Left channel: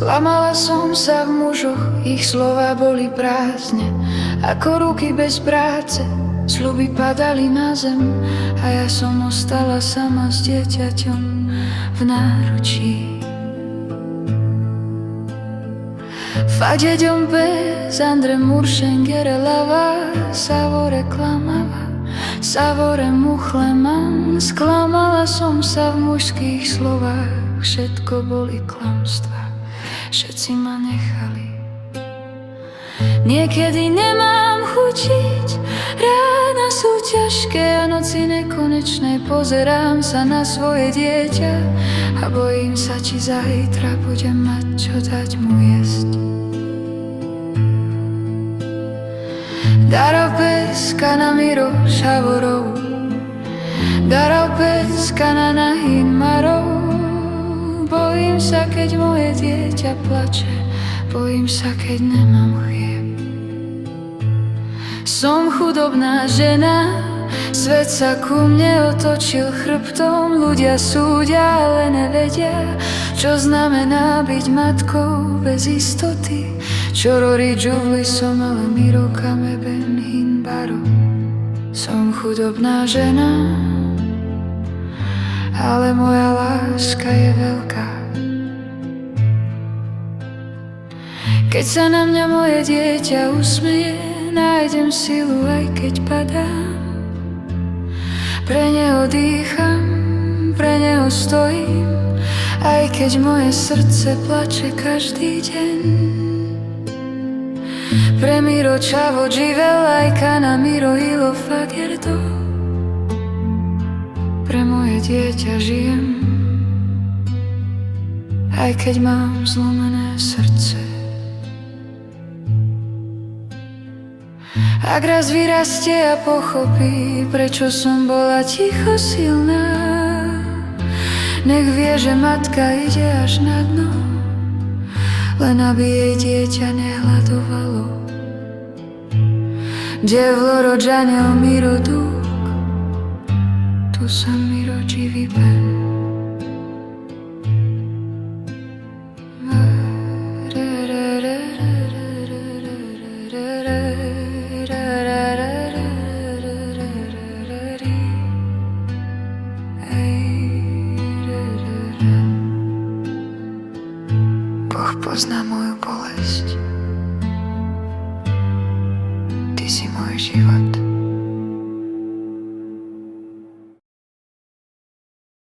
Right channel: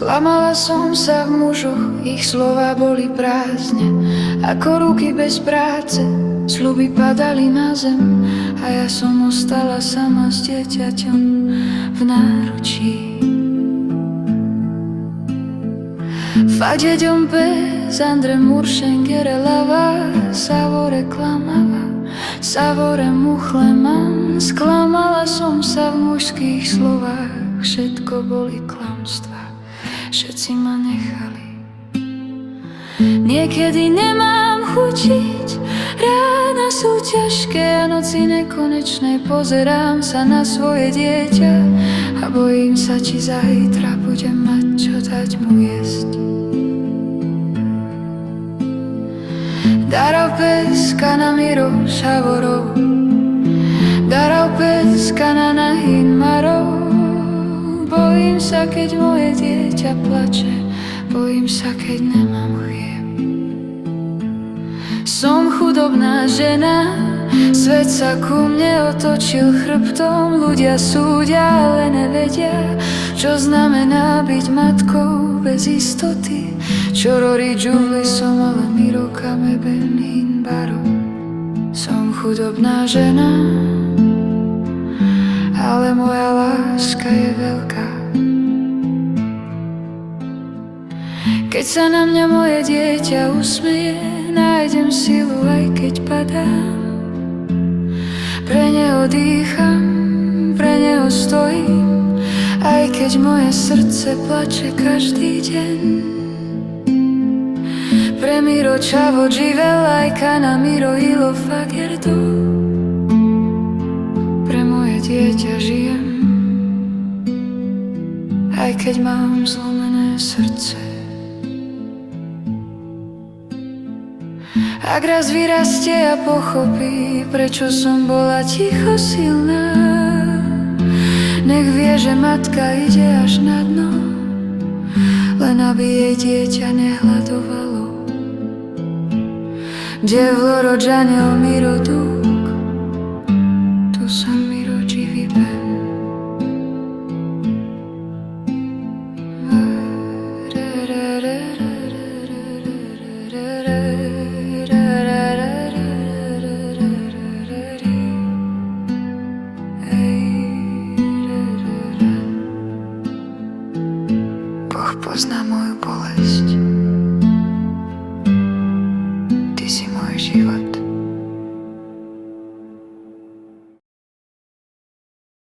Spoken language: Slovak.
Sklamala som sa v mužoch, ich slova boli prázdne, ako ruky bez práce, sľuby padali na zem a ja som ostala sama s dieťaťom v náručí. Fadeďom bez Andre Muršengere lava, savore klamava, savore muchleman. Sklamala som sa v mužských slovách, všetko boli klamstvá, všetci ma nechali. Niekedy nemám chutiť, rána sú ťažké a noci nekonečné. Pozerám sa na svoje dieťa a bojím sa, či zajtra budem mať čo dať mu jesť. Darau peska na miro šavorov, darau peska na nahin marov. Bojím sa, keď moje dieťa plače, bojím sa, keď nemám chlieb. Som chudobná žena, svet sa ku mne otočil chrbtom. Ľudia súdia, ale nevedia, čo znamená byť matkou bez istoty. Čorori džuvli som, ale mirokame ben hinbaro. Som chudobná žena, ale moja láska je veľká. Keď sa na mňa moje dieťa usmeje, nájdem silu, aj keď padám. Pre neho dýcham, pre neho stojím, aj keď moje srdce plače každý deň. Pre miro čavo dživelajka na miro ilo fagerdo. Pre moje dieťa žijem, aj keď mám zlomené srdce. Ak raz vyrastie a pochopí, prečo som bola ticho silná, nech vie, že matka ide až na dno, len aby jej dieťa nehladovalo. Devlo rodžanel miro dúk, tu sa mi rodí vyben. Boh pozná moju bolesť, ty si môj život.